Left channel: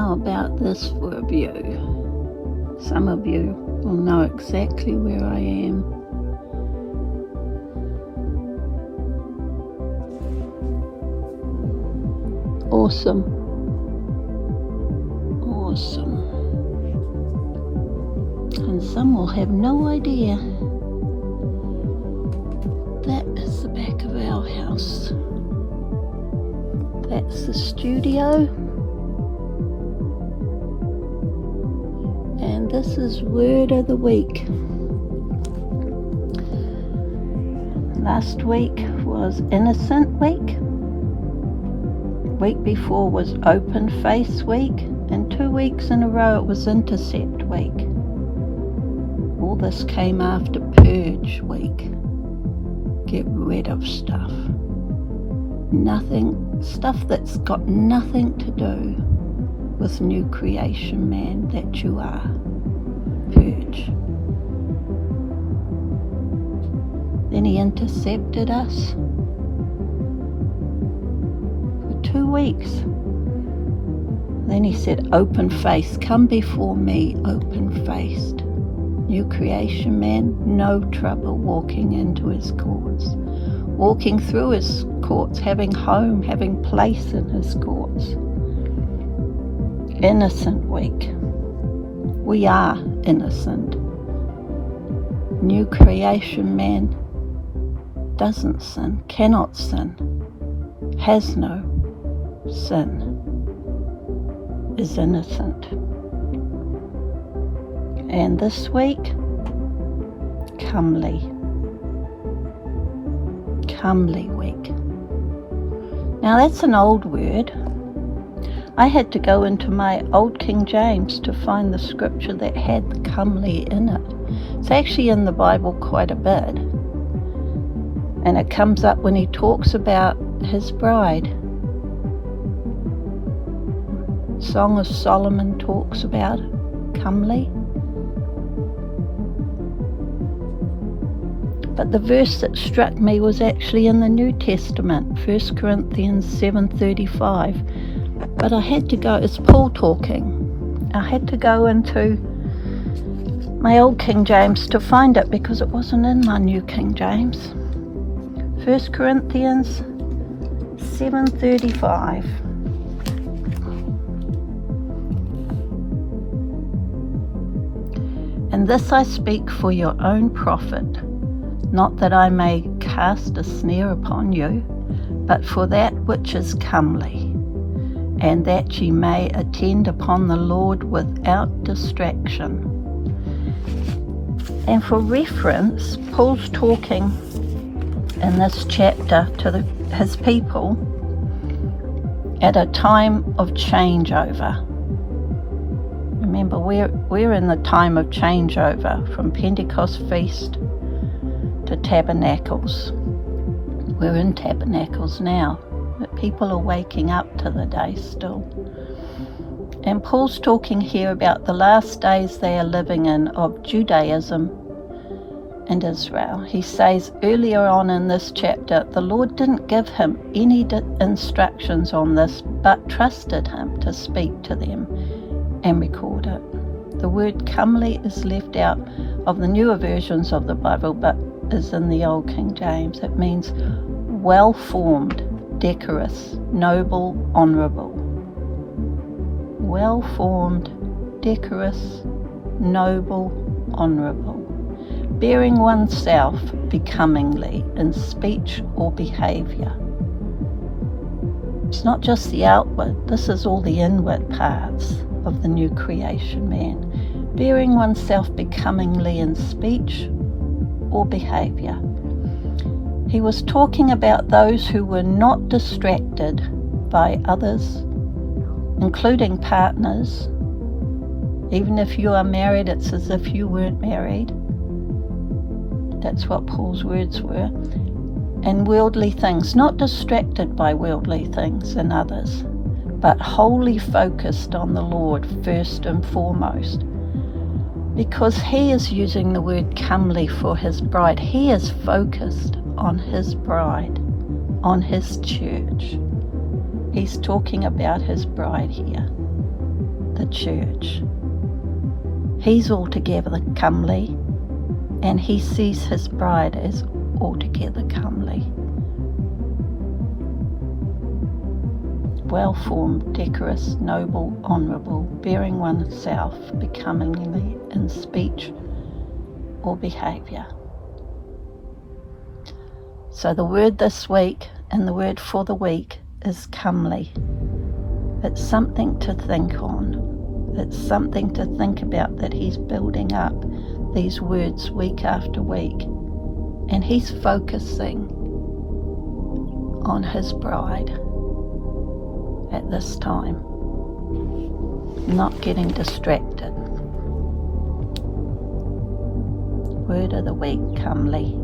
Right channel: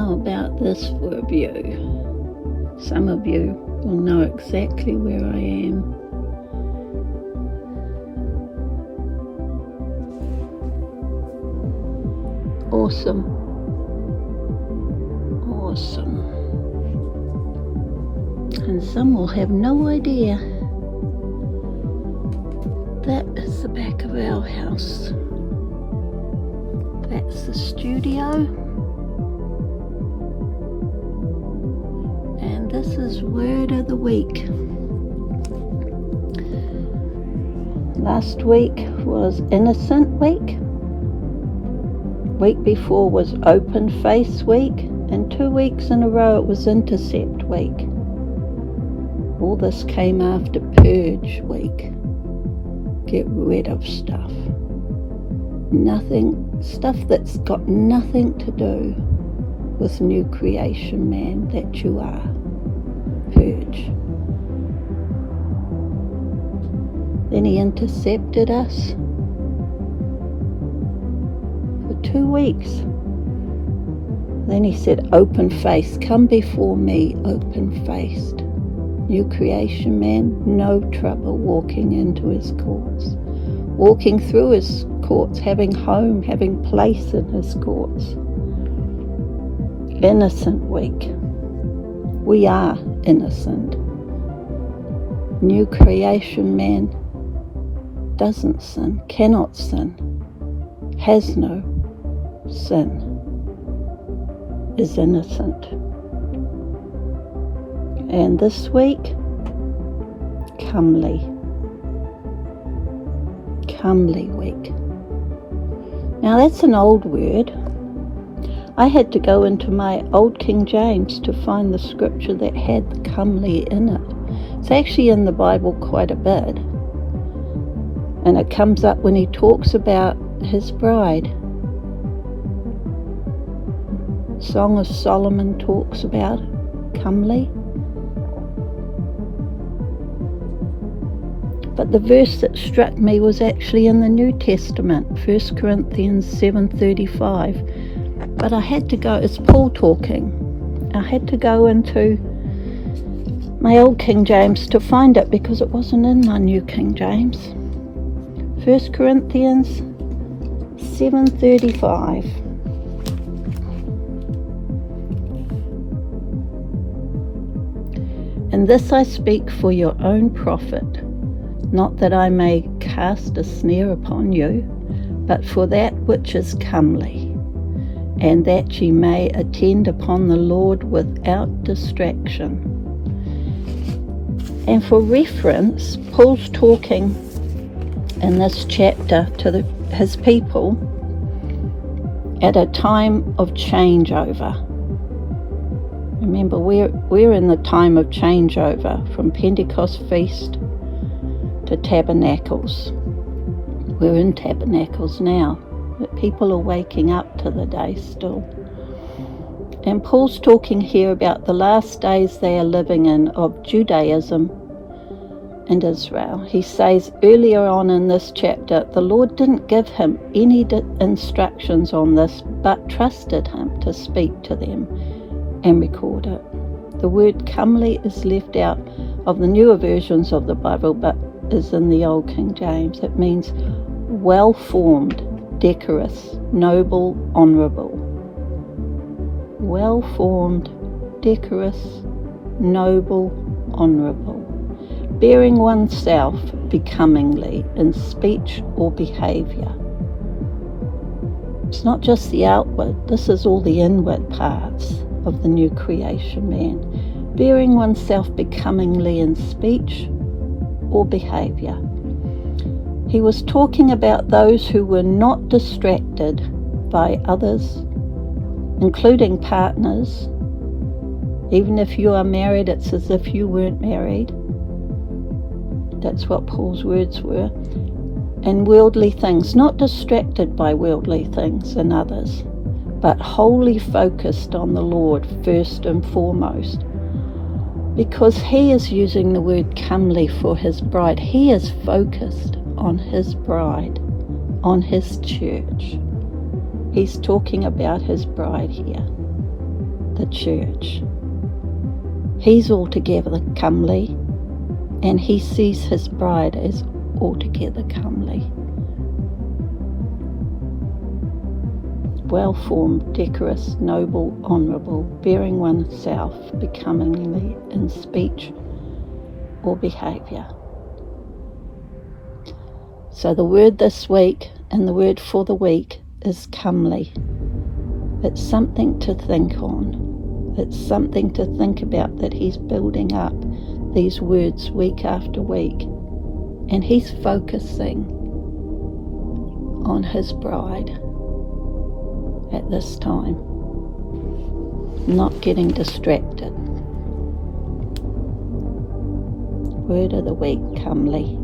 How about this for a view? Some of you will know exactly where I am. Awesome. And some will have no idea. That is the back of our house. That's the studio. And this is Word of the Week. Last week was Innocent Week. Week before was Open Face Week, and 2 weeks in a row it was Intercept Week. All this came after Purge Week. Get rid of stuff. Stuff that's got nothing to do with new creation man that you are. Purge. Then he intercepted us. 2 weeks. Then he said, open face, come before me open-faced. New creation man, no trouble walking into his courts. Walking through his courts, having home, having place in his courts. Innocent week. We are innocent. New creation man doesn't sin, cannot sin, has no sin, is innocent. And this week, comely week. Now that's an old word. I had to go into my old King James to find the scripture that had the comely in it. It's actually in the Bible quite a bit, and it comes up when he talks about his bride. Song of Solomon talks about comely. But the verse that struck me was actually in the New Testament, 1 Corinthians 7:35. But I had to go, it's Paul talking. I had to go into my old King James to find it because it wasn't in my new King James. 1 Corinthians 7:35. And this I speak for your own profit, not that I may cast a snare upon you, but for that which is comely, and that ye may attend upon the Lord without distraction. And for reference, Paul's talking in this chapter to his people at a time of changeover. Remember, we're in the time of changeover from Pentecost Feast to Tabernacles. We're in Tabernacles now, but people are waking up to the day still. And Paul's talking here about the last days they are living in of Judaism and Israel. He says earlier on in this chapter, the Lord didn't give him any instructions on this, but trusted him to speak to them and record it. The word comely is left out of the newer versions of the Bible, but is in the Old King James. It means well-formed, decorous, noble, honourable. Well-formed, decorous, noble, honourable. Bearing oneself becomingly in speech or behaviour. It's not just the outward, this is all the inward parts of the new creation man. Bearing oneself becomingly in speech or behaviour. He was talking about those who were not distracted by others, including partners. Even if you are married, it's as if you weren't married. That's what Paul's words were. And worldly things, not distracted by worldly things and others, but wholly focused on the Lord first and foremost. Because he is using the word comely for his bride. He is focused on his bride, on his church. He's talking about his bride here. church. He's altogether comely, and he sees his bride as altogether comely. Well-formed, decorous, noble, honourable, bearing oneself becomingly in speech or behaviour. So the word this week and the word for the week is comely. It's something to think on. It's something to think about, that he's building up these words week after week, and he's focusing on his bride at this time, not getting distracted. Word of the week, comely.